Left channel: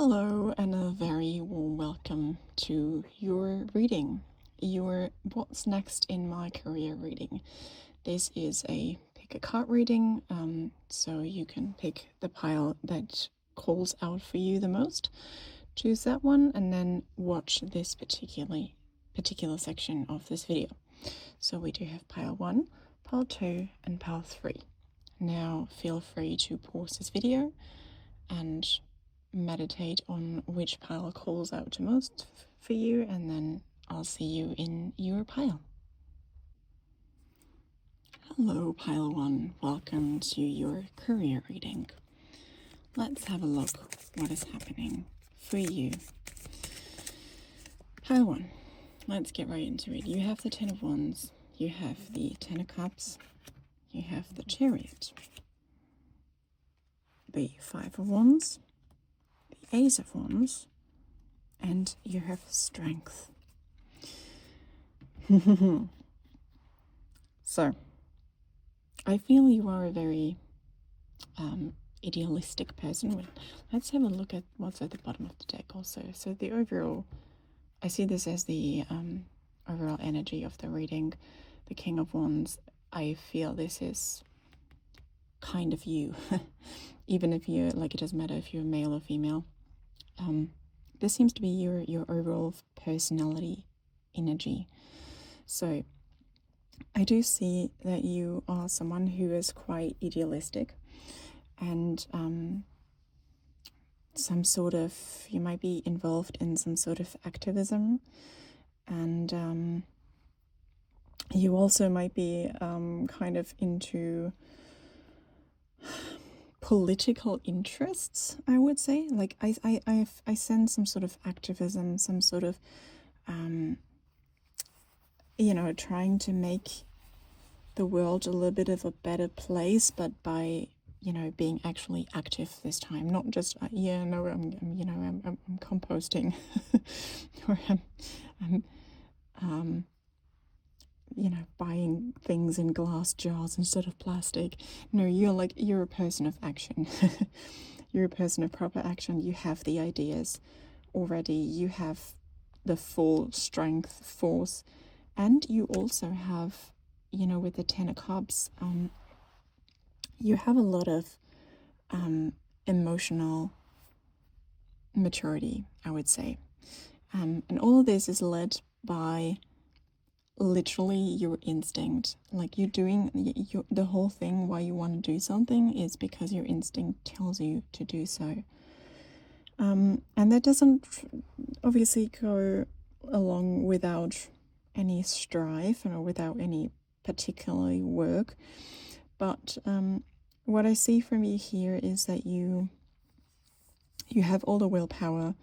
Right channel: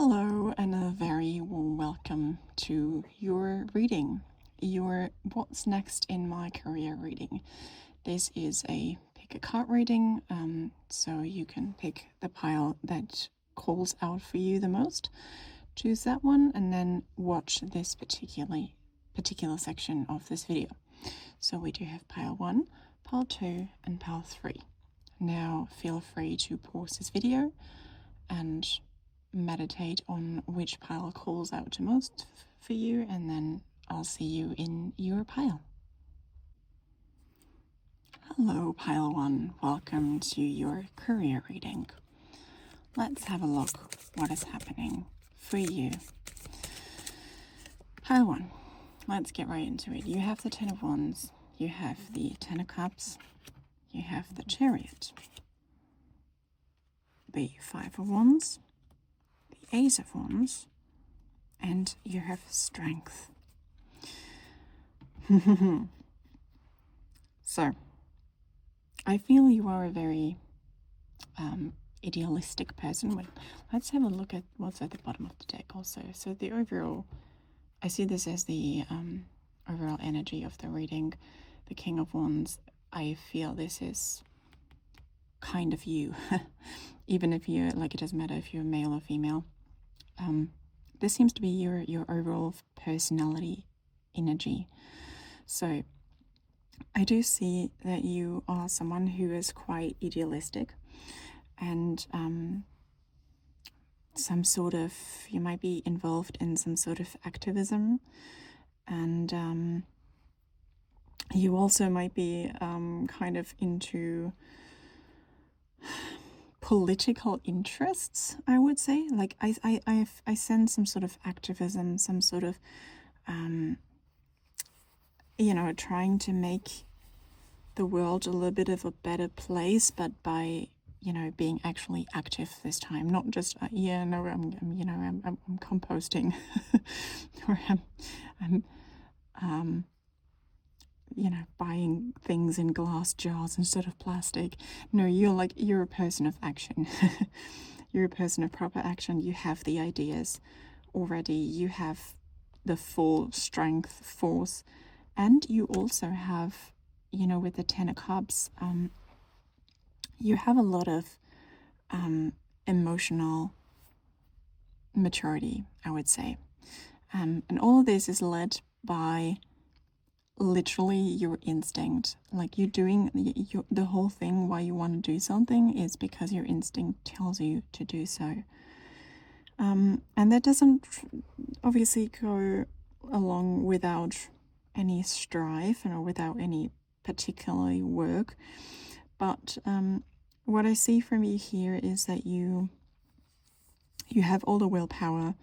Hello, and a very warm welcome to your reading, your What's Next in My Career reading. This is a pick a card reading, so you can pick the pile that calls out for you the most, choose that one, and then watch this particular section of this video. So we do have pile 1, pile 2, and pile 3. Now feel free to pause this video and meditate on which pile calls out to most for you, and then I'll see you in your pile. Hello, pile 1. Welcome to your career reading. Let's have a look what is happening for you. Pile 1. Let's get right into it. You have the Ten of Wands, you have the Ten of Cups, you have the Chariot, the Five of Wands, the Ace of Wands, and you have Strength. So, I feel you are a very idealistic person. Let's have a look at what's at the bottom of the deck also. So the overall, I see this as the overall energy of the reading. The King of Wands, I feel this is kind of you. Even if you're, like, it doesn't matter if you're male or female. This seems to be your overall personality energy. So I do see that you are someone who is quite idealistic, and you might be involved in some sort of activism, and you also might be kind of into political interests, I would say. Like I sense some sort of activism, some sort of trying to make the world a little bit of a better place, but by being actually active this time, not just I'm composting or I'm buying things in glass jars instead of plastic. No, you're a person of action. You're a person of proper action. You have the ideas already. You have the full strength, force, and you also have, with the Ten of Cups, you have a lot of emotional maturity, I would say. And all of this is led by literally your instinct. Like, you're doing the whole thing why you want to do something is because your instinct tells you to do so. And that doesn't obviously go along without any strife or without any particularly work. But what I see from you here is that you have all the willpower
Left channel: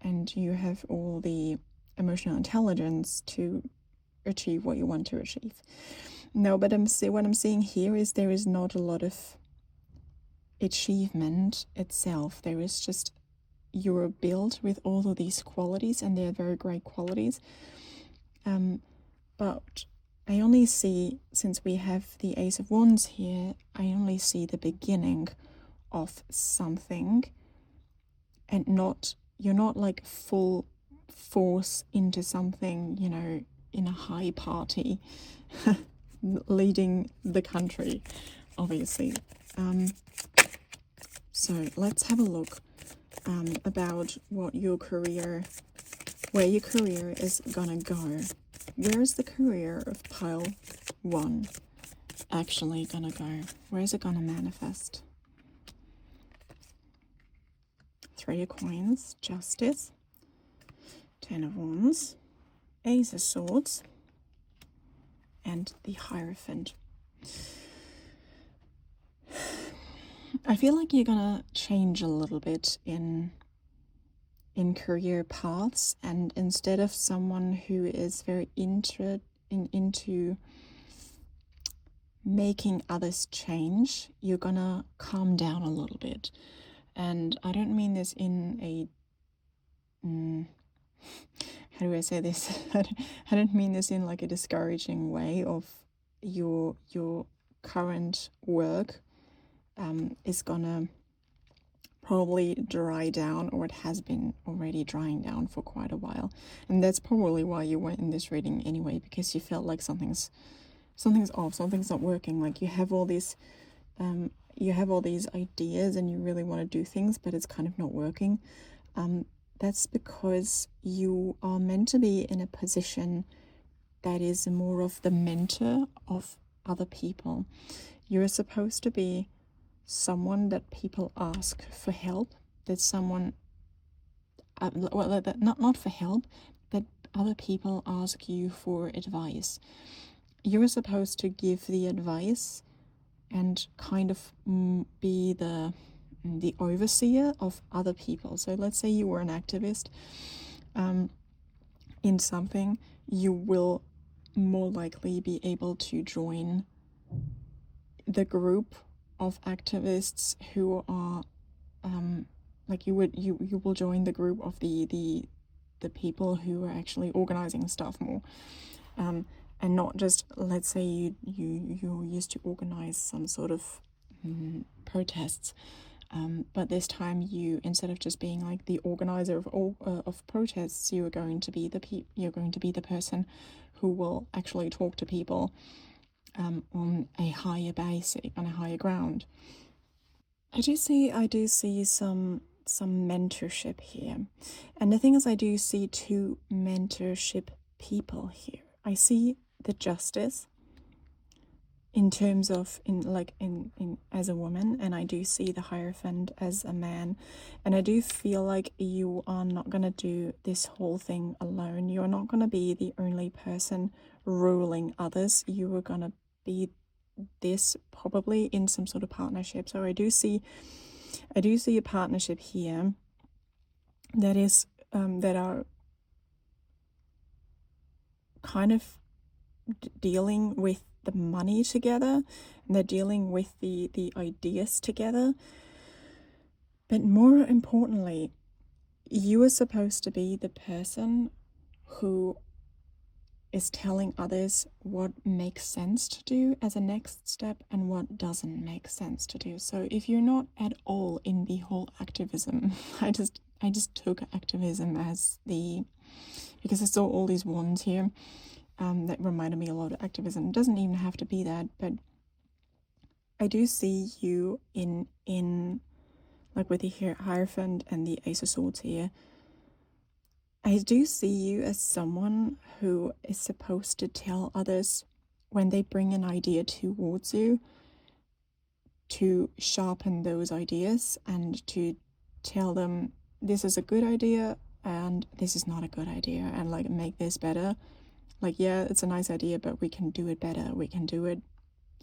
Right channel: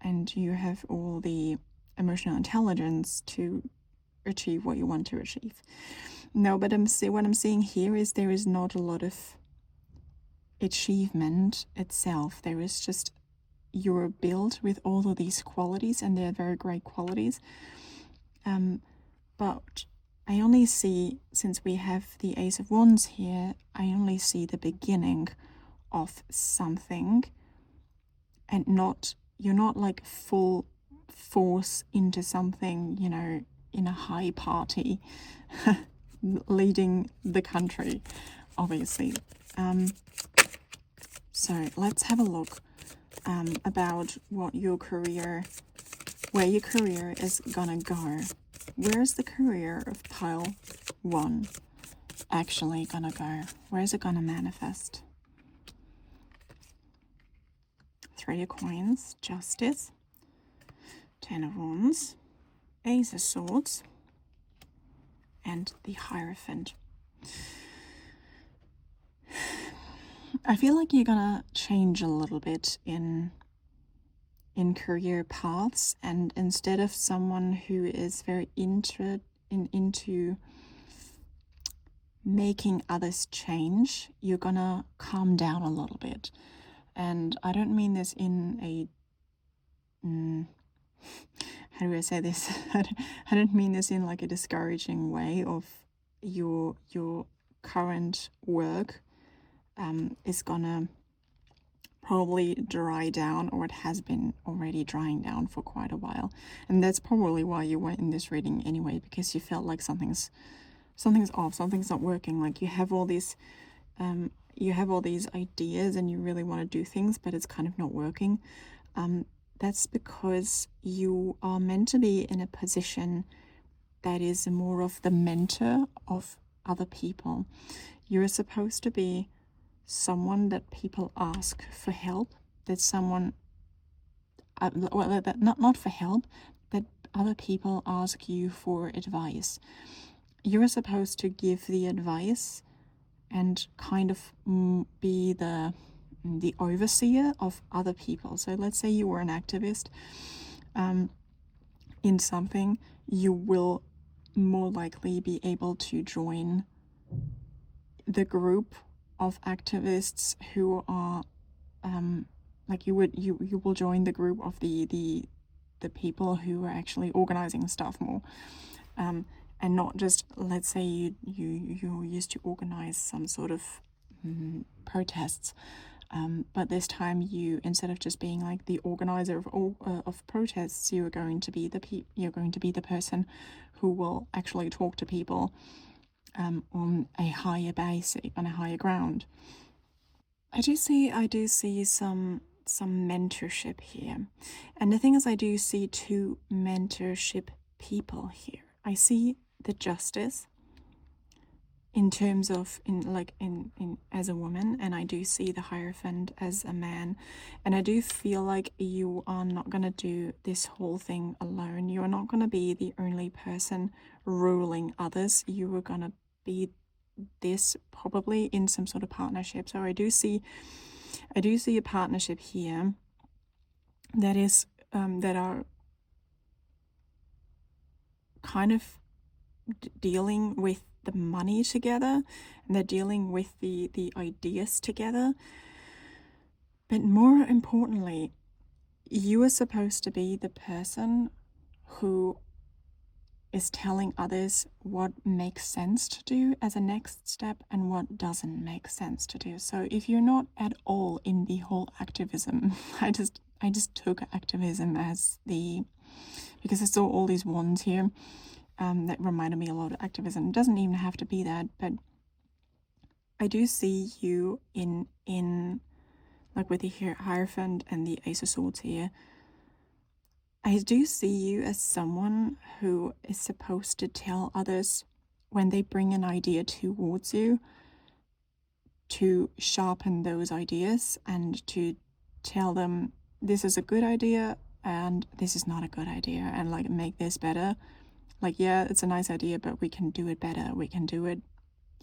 and you have all the emotional intelligence to achieve what you want to achieve. No, but what I'm seeing here is there is not a lot of achievement itself. There is just, you're built with all of these qualities, and they're very great qualities. But I only see, since we have the Ace of Wands here, I only see the beginning of something, and you're not like full force into something, in a high party, leading the country, obviously. So let's have a look about where your career is gonna go. Where's the career of pile 1 actually gonna go? Where is it gonna manifest? Three of Coins, Justice, Ten of Wands, Ace of Swords, and the Hierophant. I feel like you're gonna change a little bit in career paths, and instead of someone who is very into making others change, you're gonna calm down a little bit. And I don't mean this in a how do I say this? I don't mean this in like a discouraging way of your current work is gonna probably dry down, or it has been already drying down for quite a while. And that's probably why you went in this reading anyway, because you felt like something's off, something's not working. Like you have all these ideas and you really want to do things, but it's kind of not working. That's because you are meant to be in a position that is more of the mentor of other people. You're supposed to be someone that people ask for help, that someone, not for help, that other people ask you for advice. You're supposed to give the advice and kind of be the overseer of other people. So let's say you were an activist in something, you will more likely be able to join the group of activists who are like you will join the group of the people who are actually organizing stuff more, and not just, let's say you used to organize some sort of protests, but this time you, instead of just being like the organizer of all of protests, you're going to be the person who will actually talk to people on a higher basic, on a higher ground. I do see some mentorship here, and the thing is, I do see two mentorship people here. I see the Justice in terms of in as a woman, and I do see the Hierophant as a man, and I do feel like you are not gonna do this whole thing alone. You are not gonna be the only person ruling others. You are gonna be this probably in some sort of partnership. So I do see a partnership here that is that are kind of dealing with the money together, and they're dealing with the ideas together. But more importantly, you are supposed to be the person who is telling others what makes sense to do as a next step and what doesn't make sense to do. So if you're not at all in the whole activism, I just took activism as because I saw all these wands here that reminded me a lot of activism. It doesn't even have to be that, but I do see you in like with the Hierophant and the Ace of Swords here. I do see you as someone who is supposed to tell others when they bring an idea towards you to sharpen those ideas and to tell them this is a good idea and this is not a good idea, and like make this better. Like, yeah, it's a nice idea, but we can do it better. We can do it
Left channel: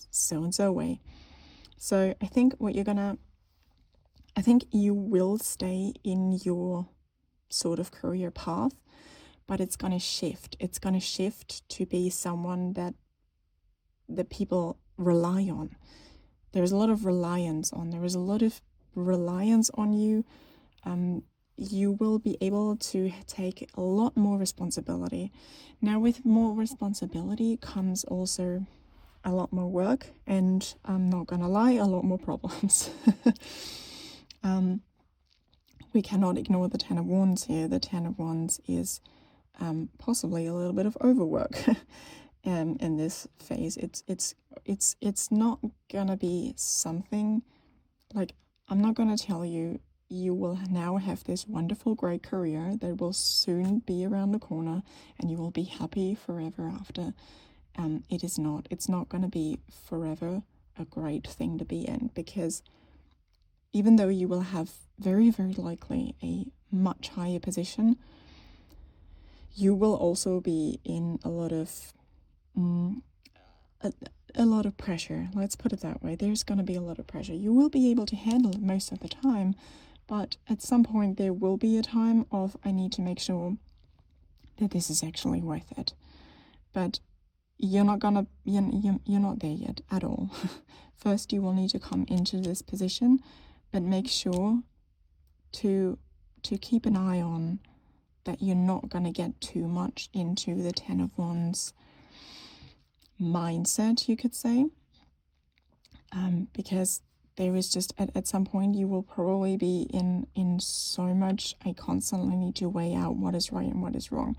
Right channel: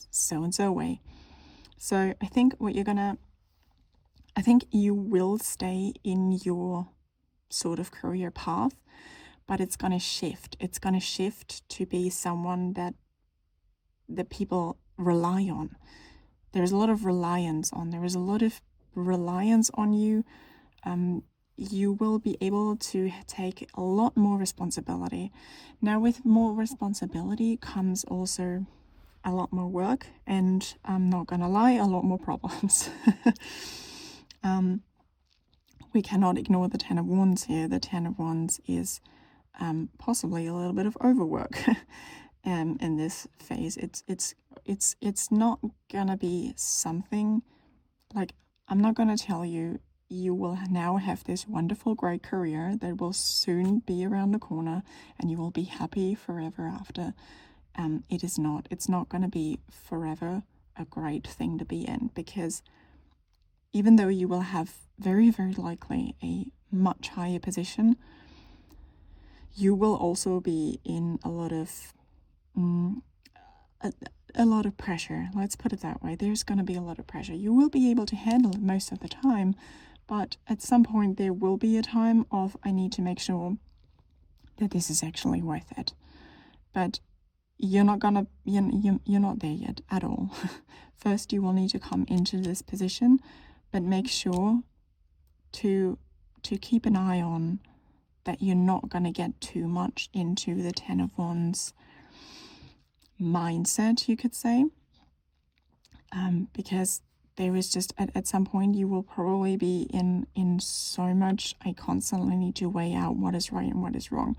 so and so way. So I think you will stay in your sort of career path, but it's going to shift. It's going to shift to be someone that the people rely on. There's a lot of reliance on. There is a lot of reliance on you. You will be able to take a lot more responsibility. Now, with more responsibility comes also a lot more work, and I'm not gonna lie, a lot more problems. We cannot ignore the Ten of Wands here. The Ten of Wands is possibly a little bit of overwork in this phase. It's not gonna be something like, I'm not gonna tell you you will now have this wonderful great career that will soon be around the corner and you will be happy forever after. It's not going to be forever a great thing to be in, because even though you will have very, very likely a much higher position, you will also be in a lot of pressure. Let's put it that way. There's going to be a lot of pressure. You will be able to handle it most of the time, but at some point there will be a time of, I need to make sure that this is actually worth it. But you're not there yet at all. First, you will need to come into this position, but make sure to keep an eye on that you're not going to get too much into the Ten of Wands mindset, you could say, because there is just at some point you will probably be in so much, I constantly need to weigh out what is right and what is wrong.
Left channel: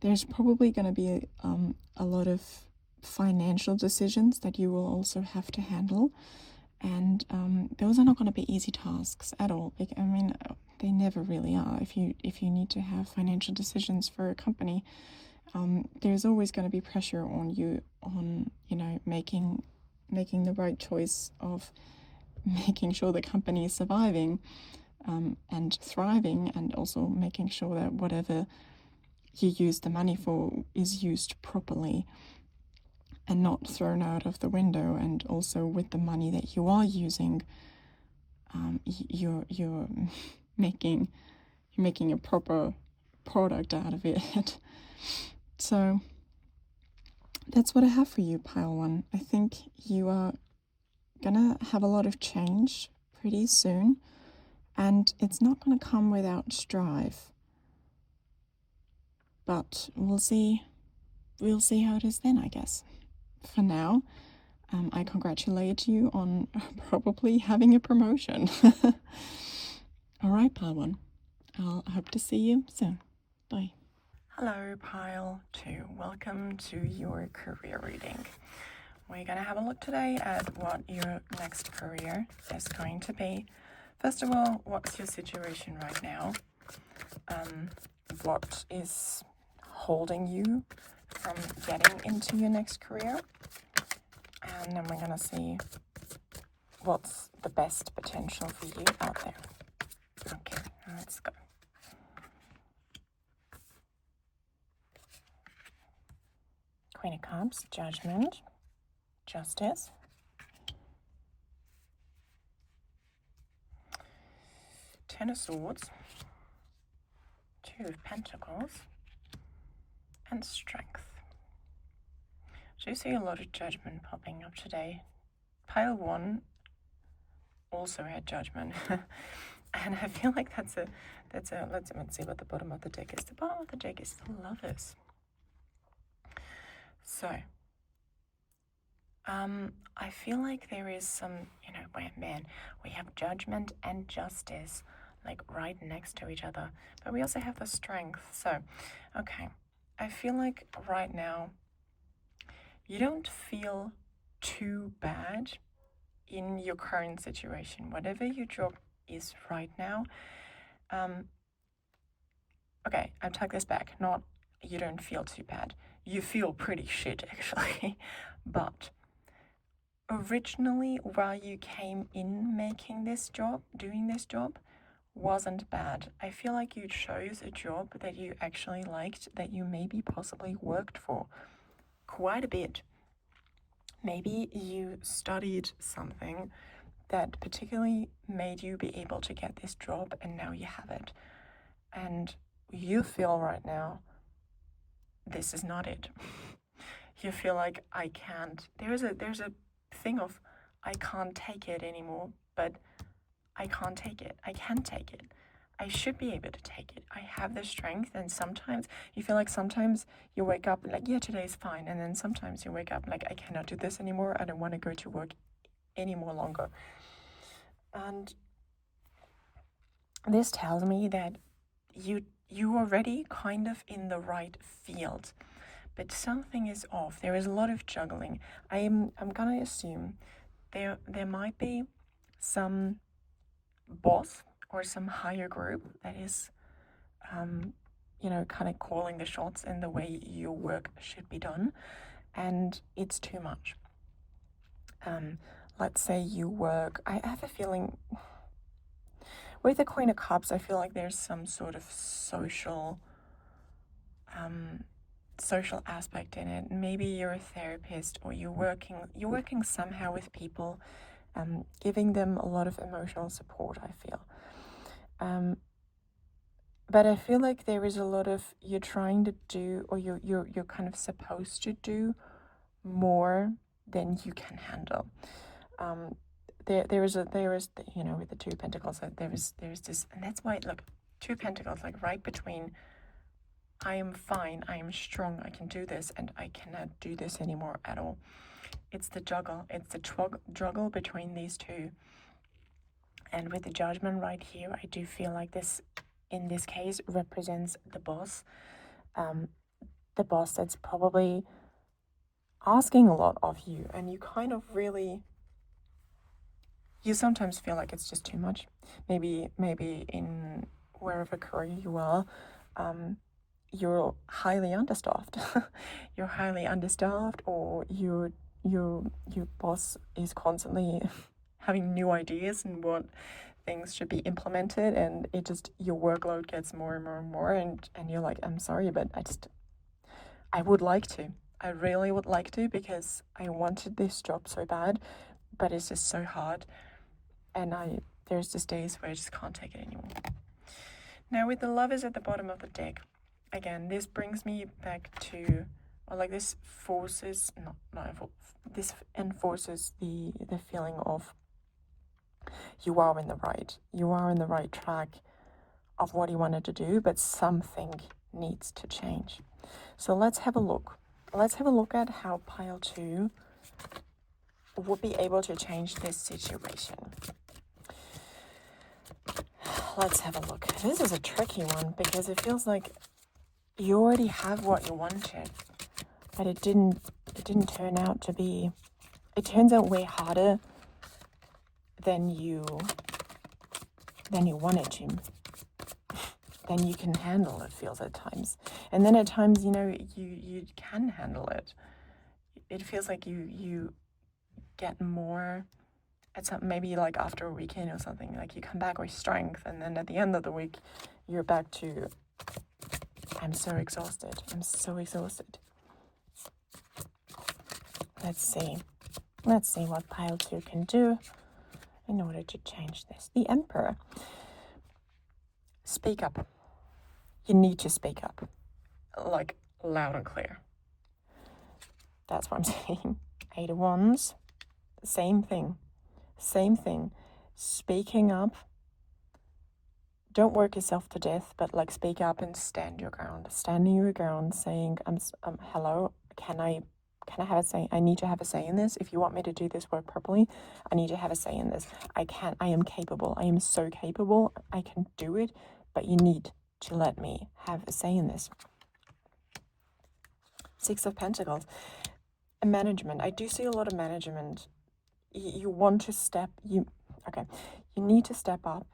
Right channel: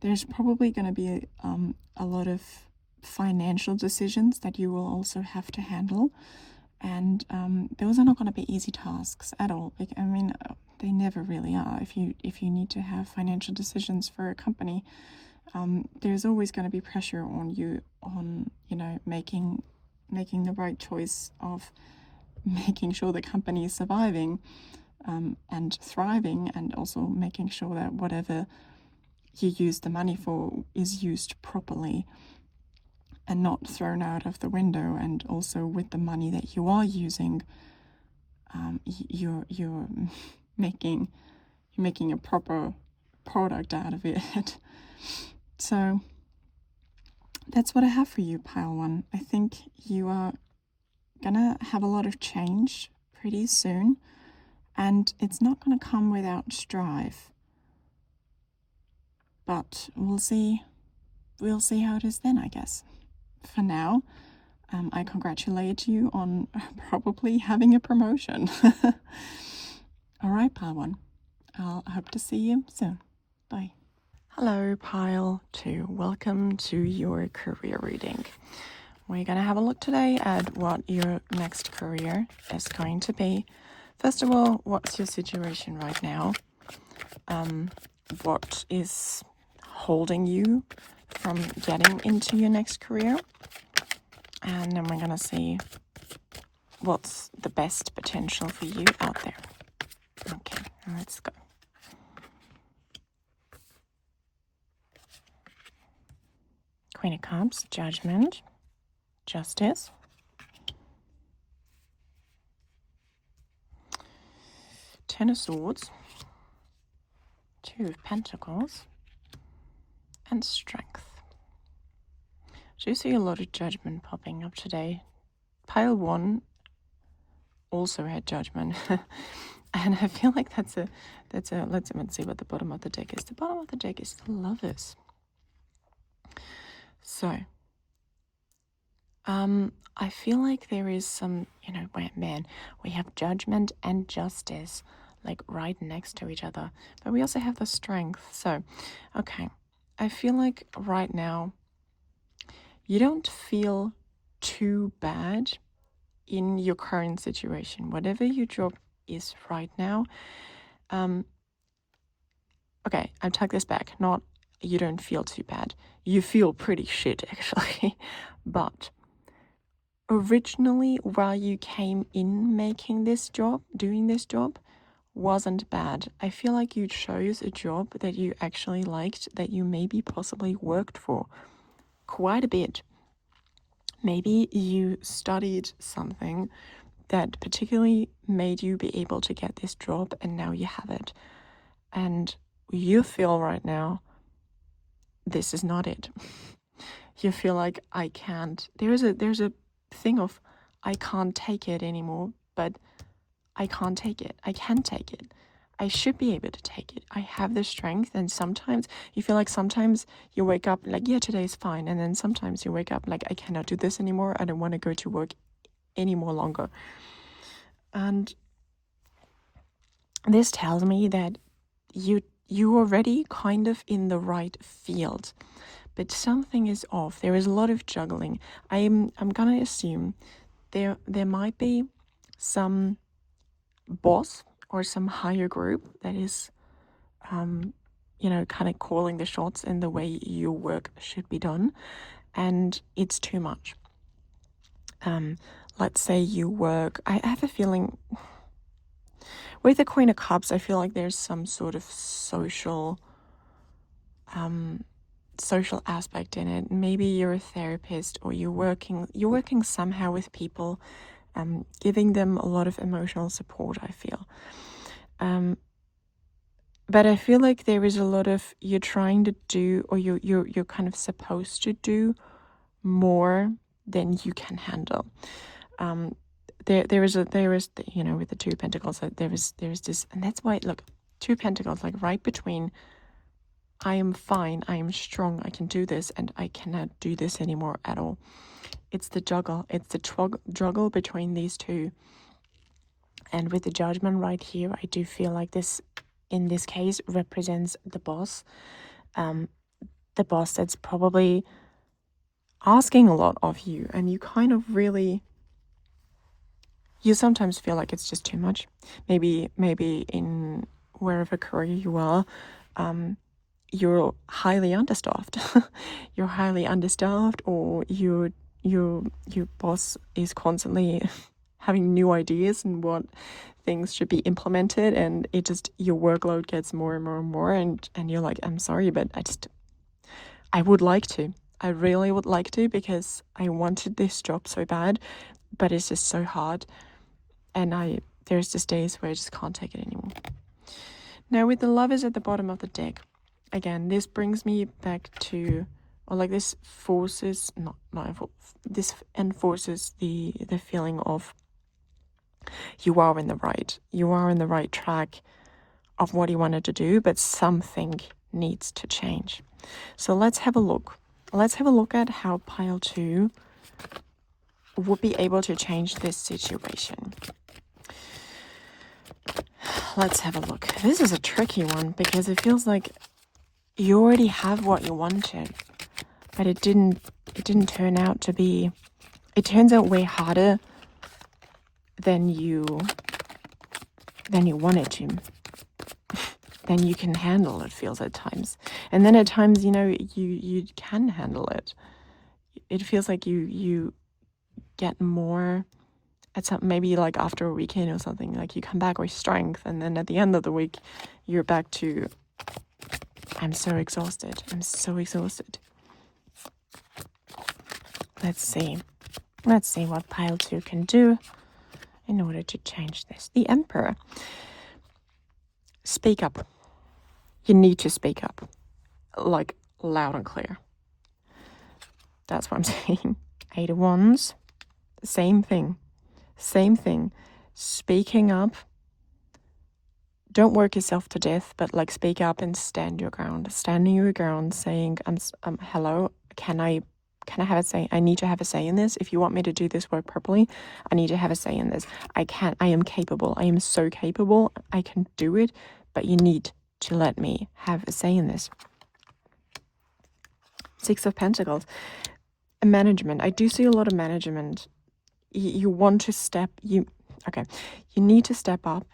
There's probably going to be a lot of financial decisions that you will also have to handle, and those are not going to be easy tasks at all. I mean, they never really are. If you need to have financial decisions for a company, there's always going to be pressure on you on, you know, making the right choice of making sure the company is surviving and thriving, and also making sure that whatever you use the money for is used properly and not thrown out of the window. And also with the money that you are using, you're making a proper product out of it. So that's what I have for you, Pile 1. I think you are gonna have a lot of change pretty soon, and it's not gonna come without strive. But we'll see how it is then, I guess. For now, I congratulate you on probably having a promotion. All right, Pile 1. I'll hope to see you soon. Bye. Hello, Pile 2. Welcome to your career reading. We're going to have a look today at what your next career is going to be. First of all, what's your situation right now? What is holding you from getting into your next career? And then we're going to see what's the best potential for you out there. Okay, let's go. Queen of Cups, Judgment, Justice, Ten of Swords, Two of Pentacles, and Strength. So you see a lot of Judgment popping up today. Pile 1 also had Judgment. And I feel like that's a let's see what the bottom of the deck is. The bottom of the deck is the Lovers. So I feel like there is some, man, we have Judgment and Justice like right next to each other, but we also have the Strength. So okay, I feel like right now you don't feel too bad in your current situation, whatever your job is right now. Okay, I take this back. Not you don't feel too bad. You feel pretty shit, actually. But originally, while you came in making this job, doing this job, wasn't bad. I feel like you chose a job that you actually liked, that you maybe possibly worked for quite a bit. Maybe you studied something that particularly made you be able to get this job, and now you have it. And you feel right now, this is not it. You feel like I can't. There's a thing of I can't take it anymore, but I can't take it. I can take it. I should be able to take it. I have the strength. And sometimes you feel like sometimes you wake up like, yeah, today's fine. And then sometimes you wake up like, I cannot do this anymore. I don't want to go to work any more longer. And this tells me that you're already kind of in the right field, but something is off. There is a lot of juggling. I'm gonna assume there might be some boss or some higher group that is kind of calling the shots in the way your work should be done, and it's too much. Let's say you work, I have a feeling with the Queen of Cups, I feel like there's some sort of social aspect in it. Maybe you're a therapist, or you're working somehow with people, giving them a lot of emotional support, I feel. But I feel like there is a lot of, you're trying to do, or you're kind of supposed to do more than you can handle. There is with the Two of Pentacles, there is this, and that's why, look, Two of Pentacles, like right between I am fine, I am strong, I can do this, and I cannot do this anymore at all. It's the juggle. It's the juggle between these two. And with the Judgment right here, I do feel like this, in this case, represents the boss. The boss that's probably asking a lot of you, and you kind of really, you sometimes feel like it's just too much. Maybe in wherever career you are, you're highly understaffed. You're highly understaffed, or your boss is constantly having new ideas and what things should be implemented, and it just, your workload gets more and more and more, and you're like, I'm sorry, but I would like to. I really would like to, because I wanted this job so bad, but it's just so hard. And there's just days where I just can't take it anymore. Now with the Lovers at the bottom of the deck, again, this brings me back to, or like this forces, this enforces the feeling of you are in the right track of what you wanted to do, but something needs to change. So let's have a look. Let's have a look at how pile 2 would be able to change this situation. Let's have a look. This is a tricky one, because it feels like you already have what you wanted, but it didn't turn out to be, it turns out way harder than you wanted to, than you can handle, it feels at times. And then at times, you know, you can handle it. It feels like you get more at some, maybe like after a weekend or something, like you come back with strength, and then at the end of the week you're back to, I'm so exhausted. Let's see what pile 2 can do in order to change this. The Emperor. Speak up. You need to speak up, like loud and clear. That's what I'm saying. 8 of Wands, same thing. Speaking up. Don't work yourself to death, but like speak up and stand your ground. Standing your ground, saying, hello, can I have a say? I need to have a say in this. If you want me to do this work properly, I need to have a say in this. I am capable. I am so capable. I can do it, but you need to let me have a say in this. 6 of Pentacles. Management. I do see a lot of management. You want to you need to step up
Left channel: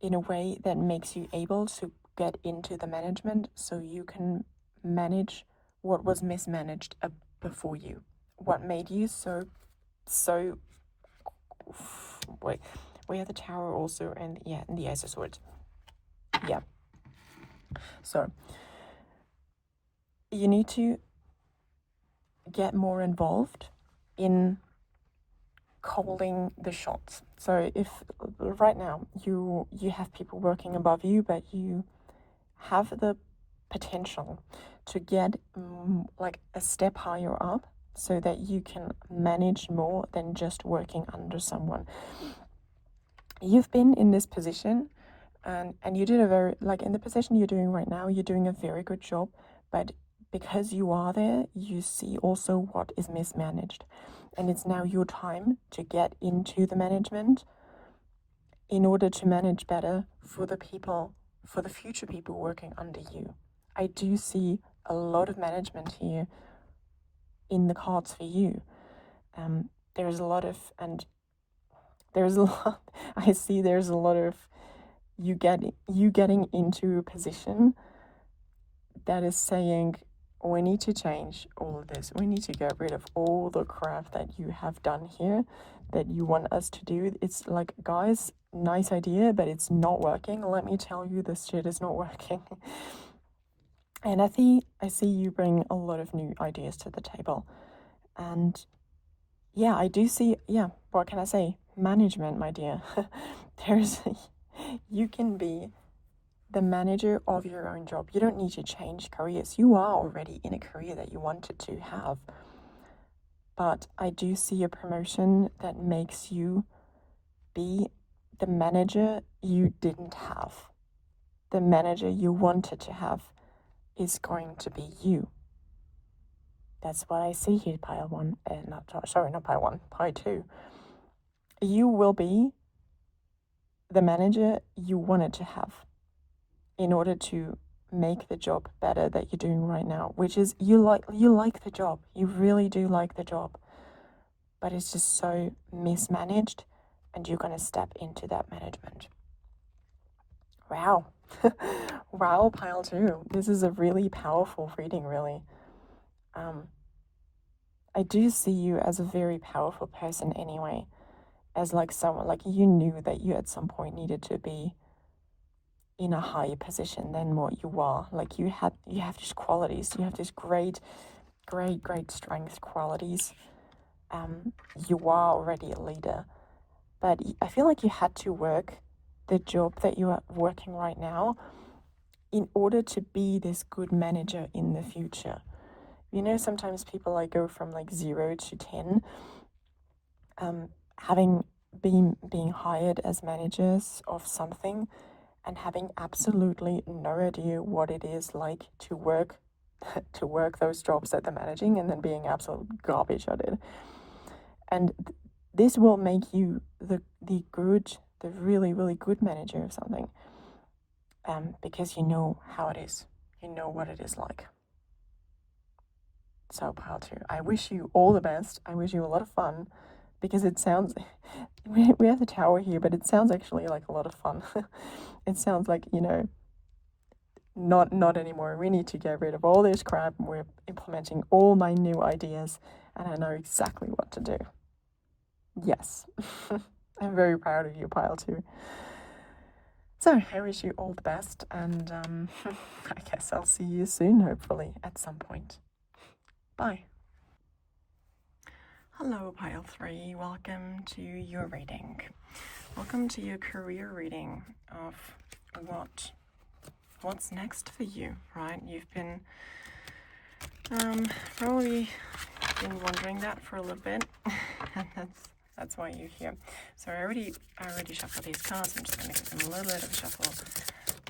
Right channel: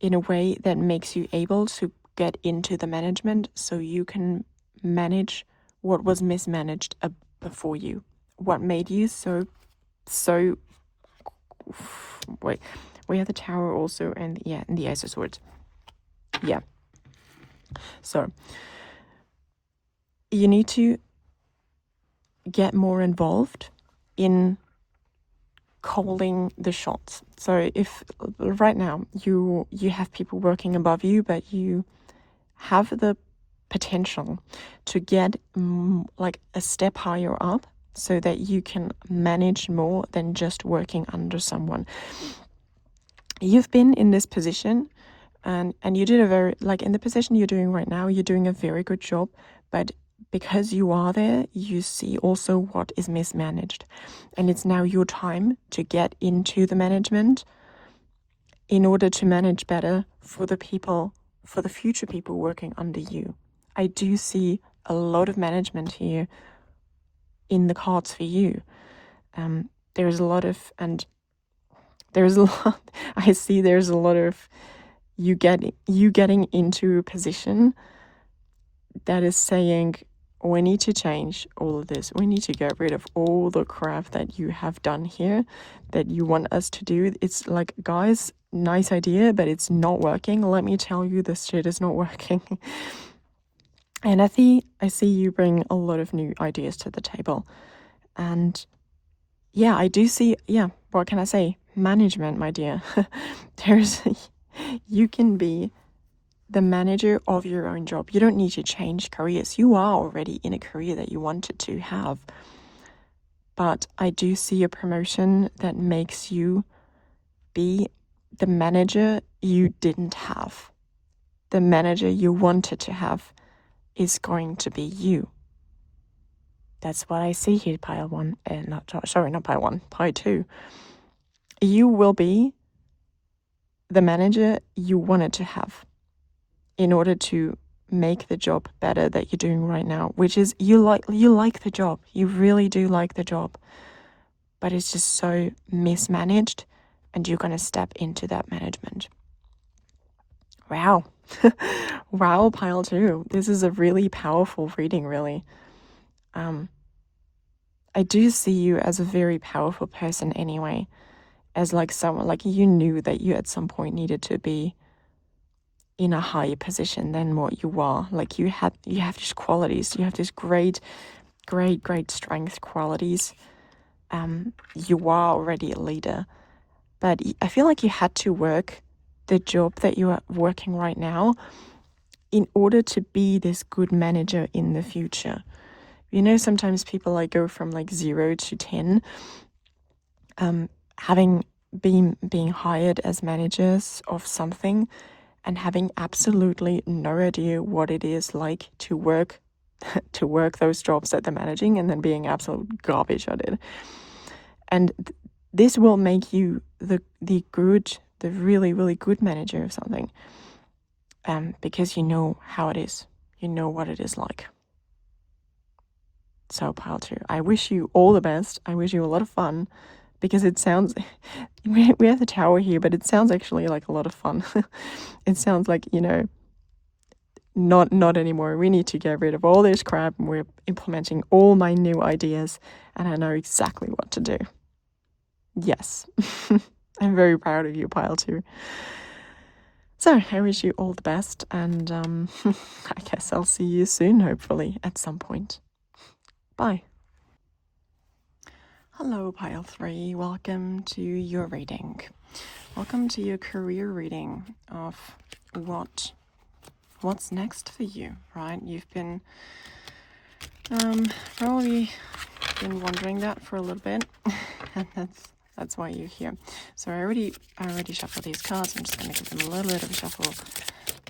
in a way that makes you able to get into the management, so you can manage what was mismanaged before you. What made you so wait, we have the Tower also, and and the Ace of Swords. Yeah. So you need to get more involved in calling the shots. So if right now you have people working above you, but you have the potential to get like a step higher up, so that you can manage more than just working under someone. You've been in this position, and you did a very, like in the position you're doing right now, you're doing a very good job, but because you are there, you see also what is mismanaged. And it's now your time to get into the management in order to manage better for the people, for the future people working under you. I do see a lot of management here in the cards for you. There's a lot of, I see there's a lot of you getting into a position that is saying, we need to change all of this. We need to get rid of all the crap that you have done here, that you want us to do. It's like, guys, nice idea, but it's not working. Let me tell you, this shit is not working. And I see you bring a lot of new ideas to the table. And yeah, I do see, what can I say? Management, my dear. You can be the manager of your own job. You don't need to change careers. You are already in a career that you wanted to have. But I do see a promotion that makes you be the manager you didn't have. The manager you wanted to have is going to be you. That's what I see here, pile 1. Not pile 1, pile 2. You will be the manager you wanted to have in order to make the job better that you're doing right now, which is you like the job. You really do like the job. But it's just so mismanaged, and you're going to step into that management. Wow. Wow, pile 2. This is a really powerful reading, really. I do see you as a very powerful person anyway, as like someone, like you knew that you at some point needed to be in a higher position than what you are. Like you have these qualities, you have these great strength qualities. You are already a leader, but I feel like you had to work the job that you are working right now in order to be this good manager in the future. You know, sometimes people like go from like 0 to 10, having being hired as managers of something and having absolutely no idea what it is like to work those jobs that they're managing, and then being absolute garbage at it. And this will make you the really good manager of something, because you know how it is, you know what it is like. So pile 2, I wish you all the best. I wish you a lot of fun, because it sounds, we have the tower here, but it sounds actually like a lot of fun. It sounds like, you know, not anymore. We need to get rid of all this crap, and we're implementing all my new ideas, and I know exactly what to do. Yes. I'm very proud of you, pile 2. So I wish you all the best, and I guess I'll see you soon, hopefully, at some point. Bye. Hello, pile 3. Welcome to your reading. Welcome to your career reading of what's next for you, right? You've been probably been wondering that for a little bit, and that's why you're here. So I already shuffled these cards. I'm just going to give them a little bit of a shuffle.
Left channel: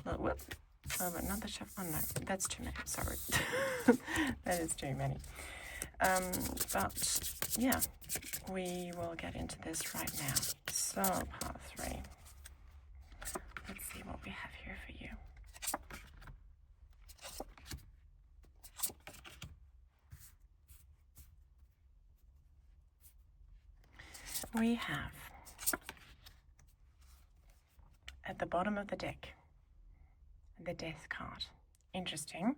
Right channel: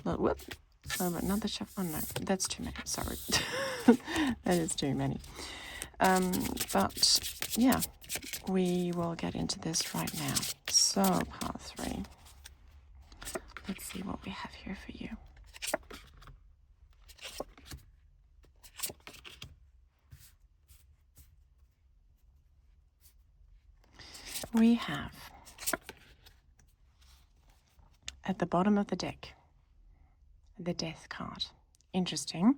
Not the shuffle. Oh no, that's too many. Sorry, that is too many. But yeah, we will get into this right now. So pile 3. Let's see what we have here for you. We have, at the bottom of the deck, the Death card. Interesting.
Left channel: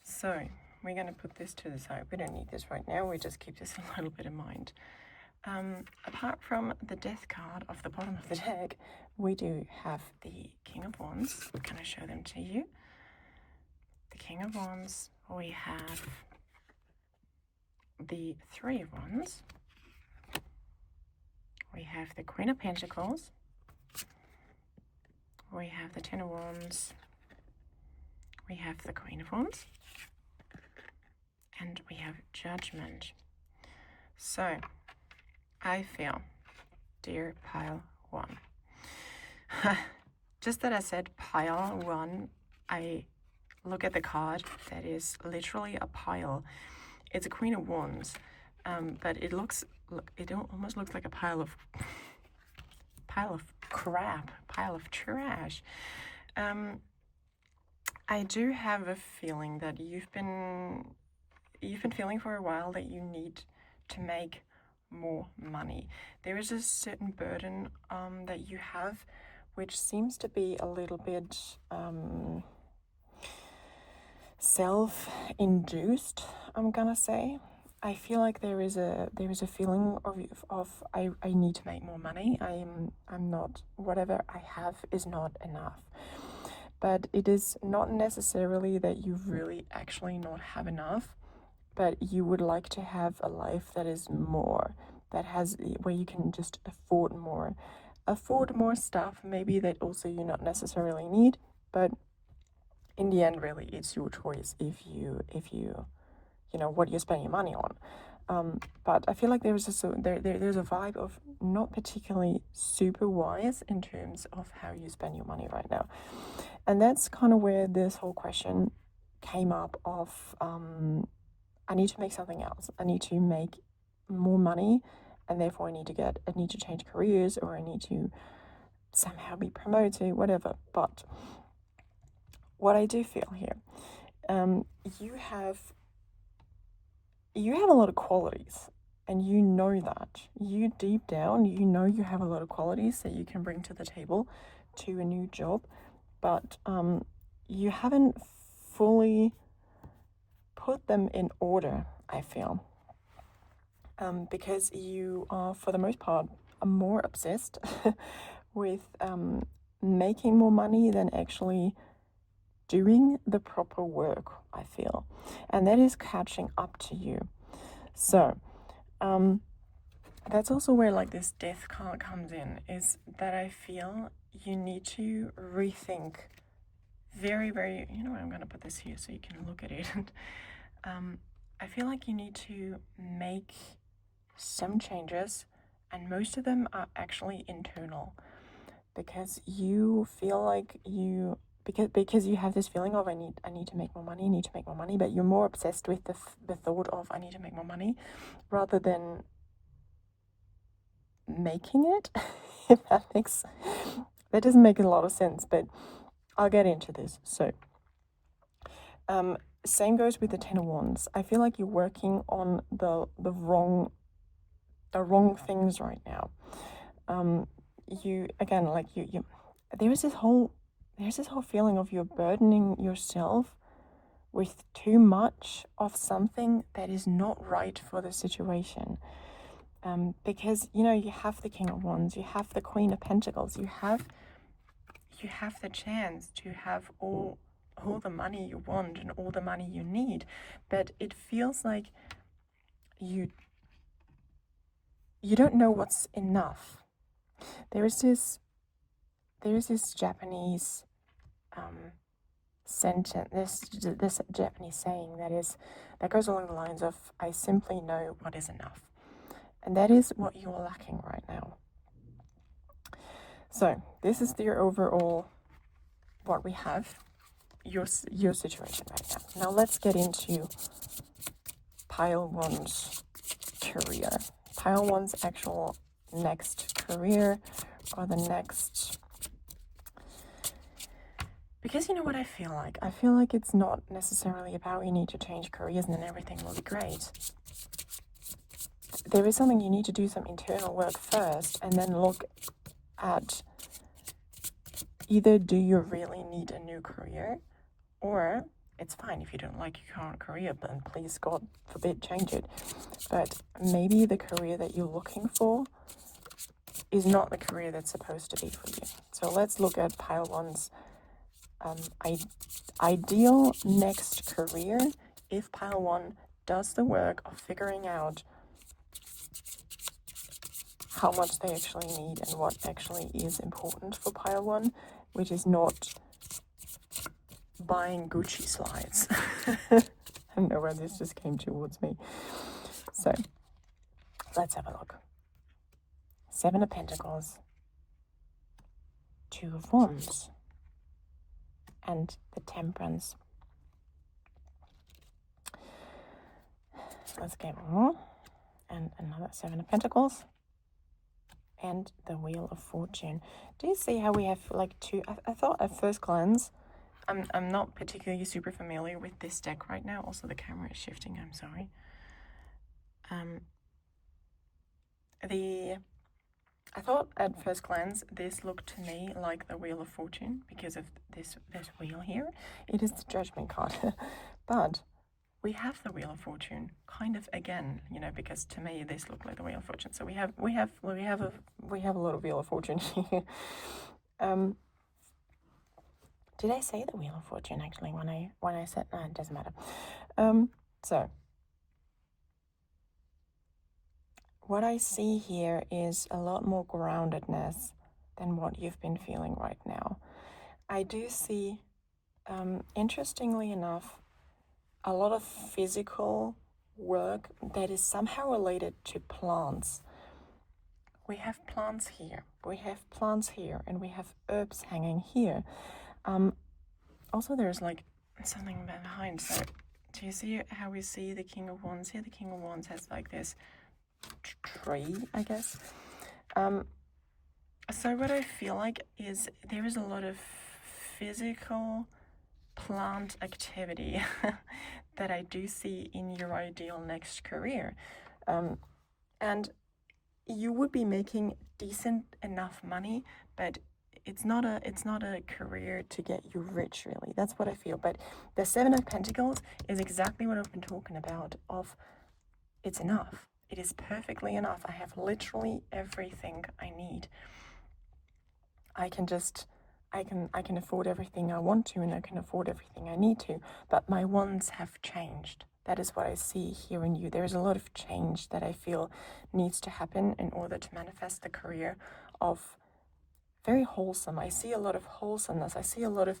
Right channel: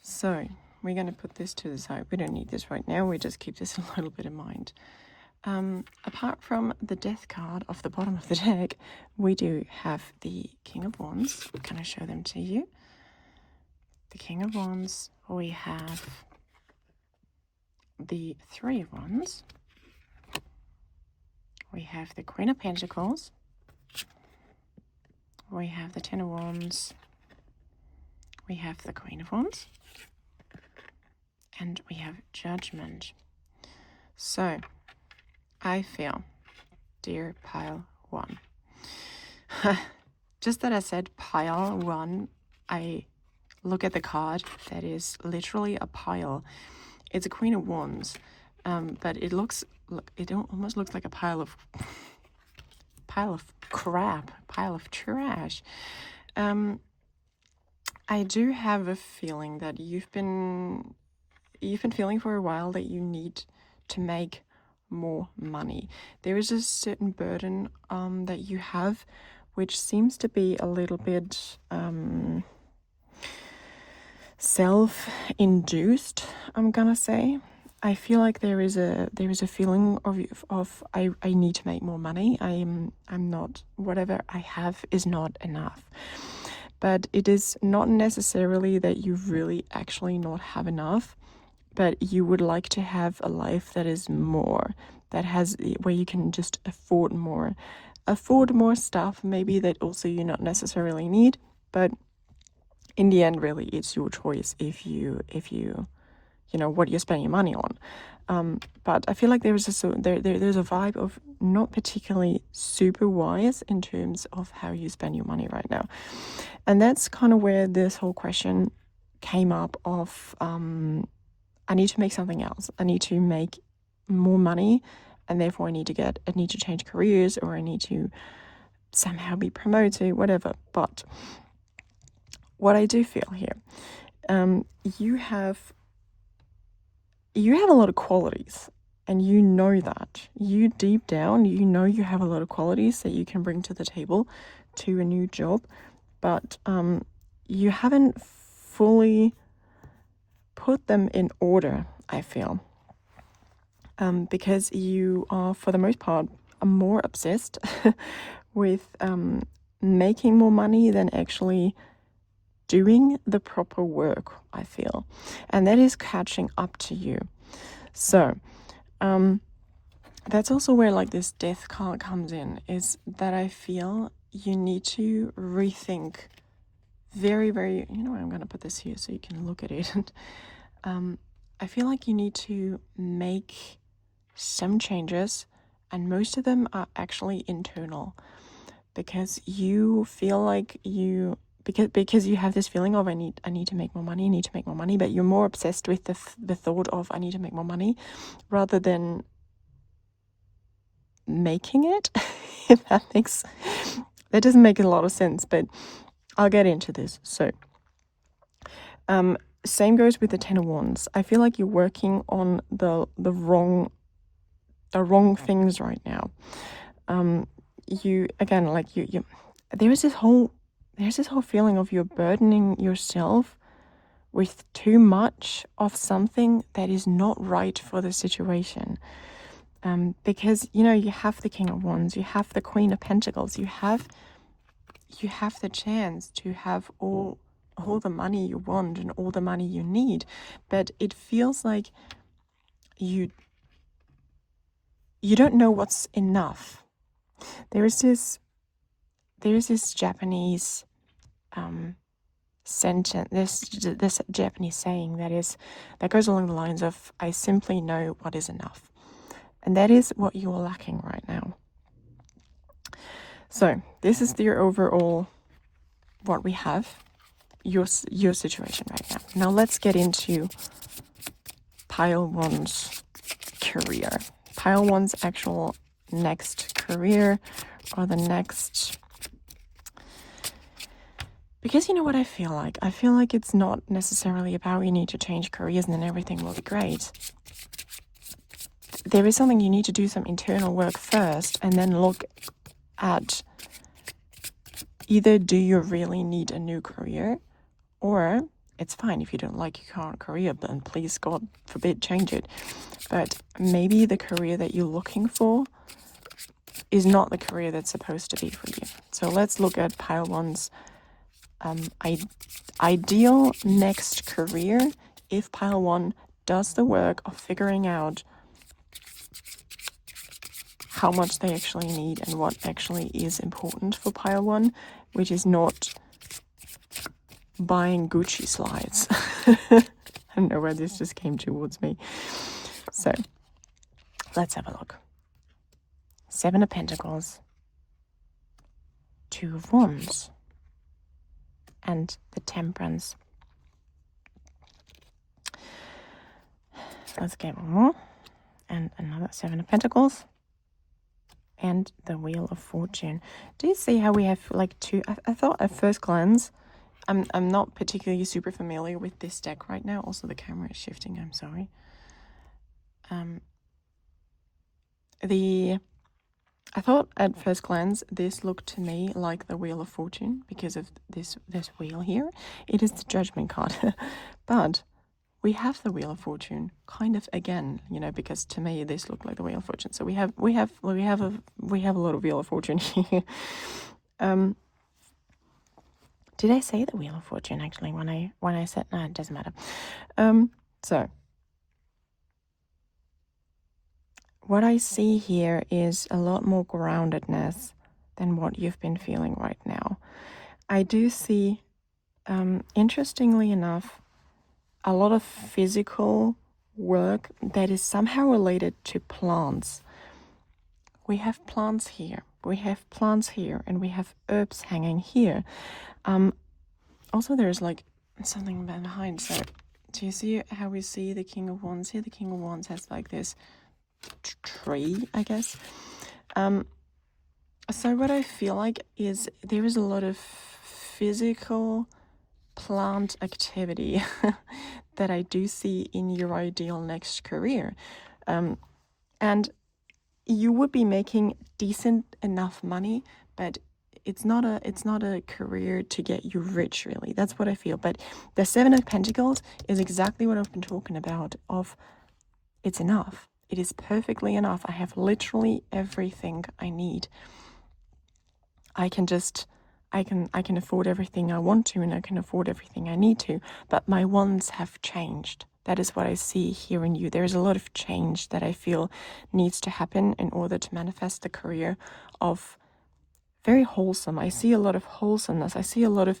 So we're going to put this to the side. We don't need this right now. We just keep this a little bit in mind. Apart from the Death card off the bottom of the deck, we do have the King of Wands. Can I show them to you? The King of Wands. We have the Three of Wands. We have the Queen of Pentacles. We have the Ten of Wands. We have the Queen of Wands. And we have Judgment. So, I feel, dear pile 1, just that I said pile 1, I look at the card that is literally a pile. It's a Queen of Wands, but it almost looks like a pile of crap, pile of trash. I do have a feeling that you've been feeling for a while that you need to make more money. There is a certain burden that you have, which seems to be a little bit self-induced, I'm gonna say. I feel like there is a feeling of I need to make more money. I'm not, whatever I have is not enough. But it is not necessarily that you really actually not have enough, but you would like to have a life that is more, that has, where you can just afford more stuff, maybe, that also you not necessarily need, but in the end, really, it's your choice if you know what you're spending your money on. But I feel like there's a vibe of not particularly super wise in terms of how you spend your money right now. And that's kind of where this whole question came up of, I need to make something else. I need to make more money, and therefore I need to change careers, or I need to somehow be promoted, whatever. But what I do feel here, you have a lot of qualities, and you know that. You deep down, you know you have a lot of qualities that you can bring to the table to a new job, but you haven't fully put them in order, I feel. Because you are, for the most part, more obsessed with making more money than actually doing the proper work, I feel. And that is catching up to you. So, that's also where like this death card comes in, is that I feel you need to rethink very, very, I'm going to put this here so you can look at it. I feel like you need to make some changes, and most of them are actually internal, because you feel like because you have this feeling of I need to make more money, but you're more obsessed with the thought of I need to make more money rather than making it. If that doesn't make a lot of sense, but I'll get into this. So same goes with the Ten of Wands. I feel like you're working on the wrong things right now. You again, like you there's this whole feeling of you're burdening yourself with too much of something that is not right for the situation. Because you have the King of Wands, you have the Queen of Pentacles, you have the chance to have all the money you want and all the money you need, but it feels like you don't know what's enough. There is this Japanese sentence, this Japanese saying that goes along the lines of I simply know what is enough. And that is what you are lacking right now. So this is the overall what we have, your situation right now. Now let's get into Pile One's career. Pile One's actual next career, or the next... Because you know what I feel like? I feel like it's not necessarily about you need to change careers and then everything will be great. There is something you need to do some internal work first, and then look at either do you really need a new career, or it's fine if you don't like your current career, then please, God forbid, change it. But maybe the career that you're looking for is not the career that's supposed to be for you. So let's look at Pile One's ideal next career if Pile One does the work of figuring out how much they actually need and what actually is important for Pile One, which is not buying Gucci slides. I don't know where this just came towards me. So let's have a look. Seven of Pentacles, Two of Wands, and the Temperance. Let's get more. And another Seven of Pentacles. And the Wheel of Fortune. Do you see how we have like two? I thought at first glance, I'm not particularly super familiar with this deck right now. Also, the camera is shifting. I'm sorry. I thought at first glance this looked to me like the Wheel of Fortune because of this wheel here. It is the Judgment card, but we have the Wheel of Fortune kind of again, because to me this looked like the Wheel of Fortune. So we have a lot of Wheel of Fortune here. Did I say the Wheel of Fortune actually when I said no? It doesn't matter. So what I see here is a lot more groundedness than what you've been feeling right now. I do see, interestingly enough, a lot of physical work that is somehow related to plants. We have plants here, and we have herbs hanging here. Also, there's like something behind. So do you see how we see the King of Wands here? The King of Wands has like this tree, I guess. So what I feel like is there is a lot of physical plant activity that I do see in your ideal next career. And you would be making decent enough money, but it's not a career to get you rich, really. That's what I feel. But the Seven of Pentacles is exactly what I've been talking about, of it's enough. It is perfectly enough. I have literally everything I need. I can afford everything I want to, and I can afford everything I need to, but my wants have changed. That is what I see here in you. There is a lot of change that I feel needs to happen in order to manifest the career of very wholesome. I see a lot of wholesomeness. I see a lot of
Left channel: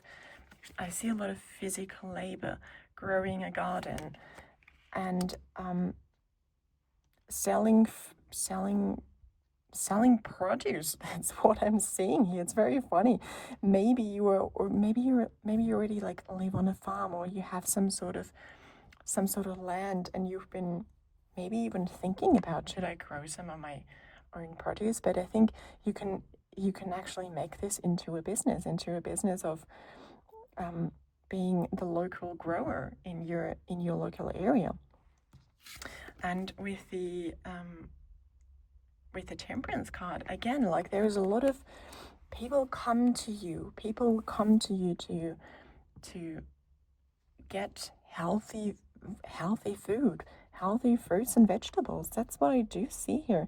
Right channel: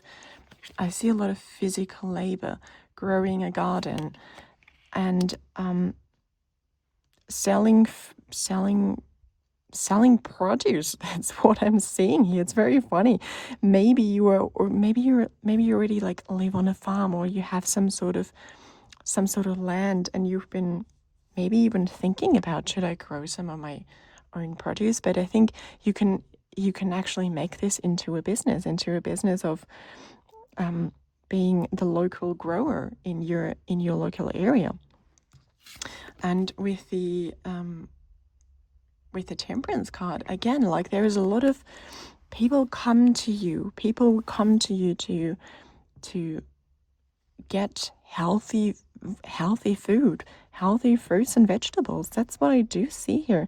physical labor, growing a garden, and selling produce. That's what I'm seeing here. It's very funny. Maybe you are, or maybe you already like live on a farm, or you have some sort of land, and you've been maybe even thinking about, should I grow some of my own produce? But I think you can actually make this into a business of being the local grower in your local area. And with the Temperance card, again, like there is a lot of people come to you to get healthy food, healthy fruits and vegetables. That's what I do see here.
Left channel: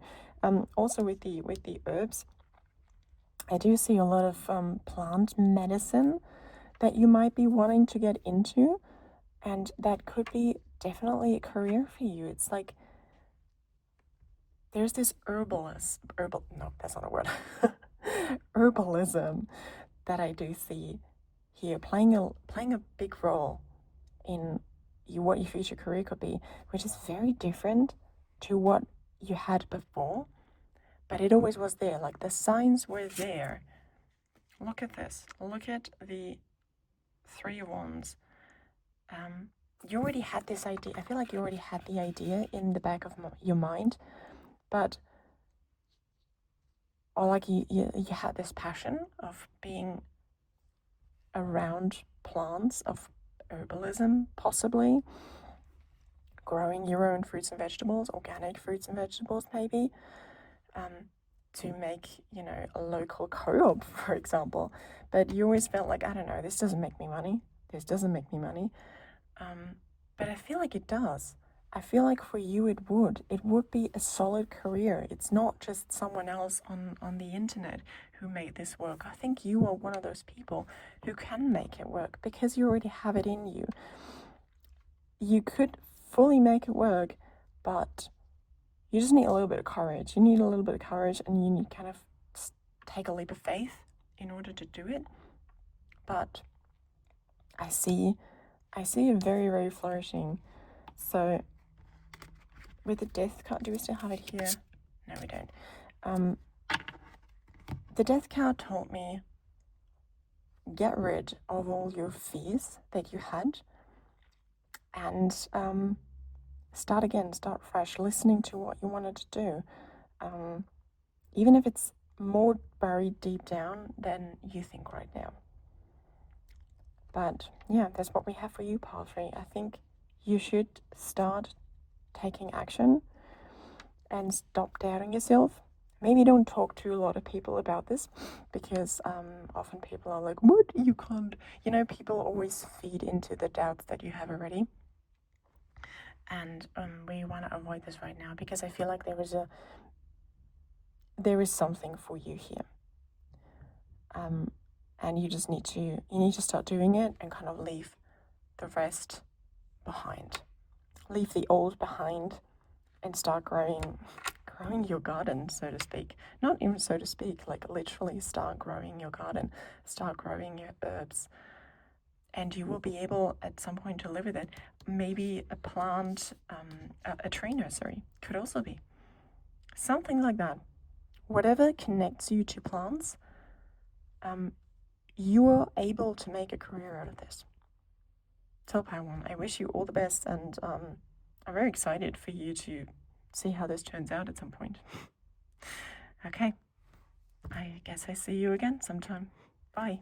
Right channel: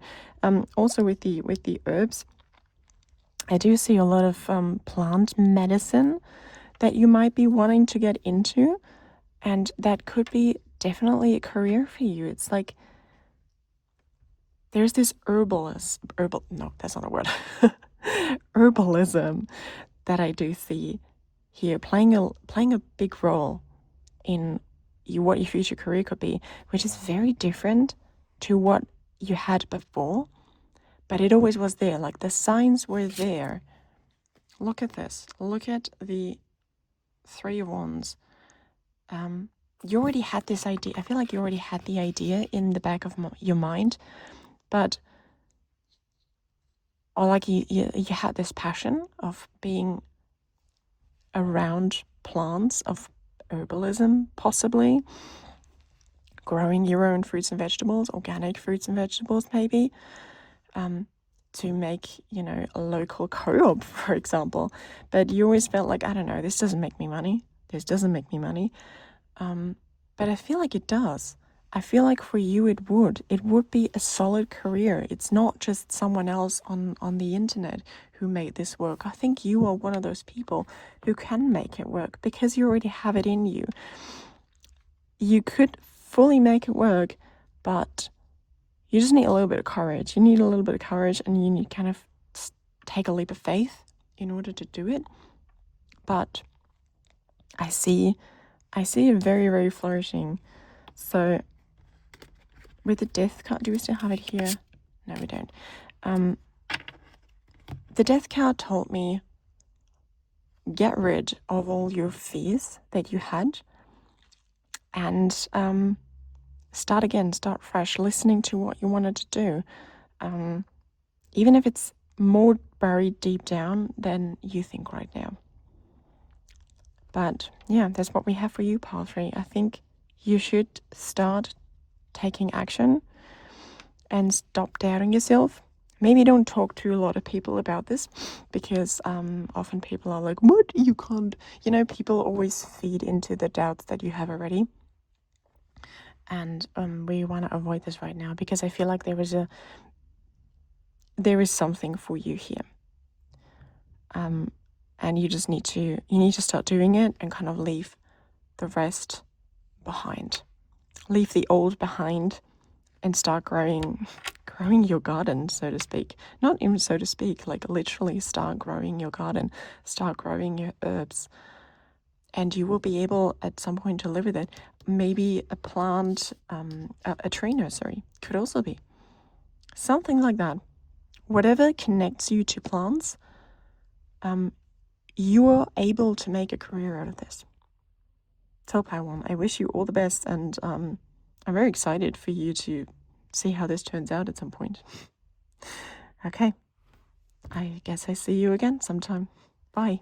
Also with the herbs, I do see a lot of plant medicine that you might be wanting to get into, and that could be definitely a career for you. It's like there's this herbalism that I do see here playing a big role in what your future career could be, which is very different to what you had before, but it always was there. Like the signs were there. Look at this. Look at the Three of Wands. You already had this idea. I feel like you already had the idea in the back of your mind, but or like you had this passion of being around plants, of herbalism, possibly growing your own fruits and vegetables, organic fruits and vegetables, maybe, to make, a local co-op, for example. But you always felt like, I don't know, this doesn't make me money. But I feel like it does. I feel like for you it would be a solid career. It's not just someone else on the internet who made this work. I think you are one of those people who can make it work because you already have it in you. You could fully make it work, but you just need a little bit of courage. You need a little bit of courage, and you need kind of take a leap of faith in order to do it. But I see it very, very flourishing. So with the Death card, do we still have it here? No, we don't. The Death card told me, get rid of all your fears that you had, and start again, start fresh, listening to what you wanted to do, even if it's more buried deep down than you think right now. But yeah, that's what we have for you, Pile 3. I think you should start taking action and stop doubting yourself. Maybe don't talk to a lot of people about this, because often people are like, what? You can't. People always feed into the doubts that you have already. And we want to avoid this right now, because I feel like there is something for you here. And you just need to start doing it and kind of leave the rest behind. Leave the old behind and start growing your garden, so to speak. Not even so to speak, like literally start growing your garden, start growing your herbs. And you will be able at some point to live with it. Maybe a plant, a tree nursery could also be. Something like that. Whatever connects you to plants, you are able to make a career out of this. So Pile 1, I wish you all the best, and I'm very excited for you to see how this turns out at some point. Okay, I guess I see you again sometime. Bye.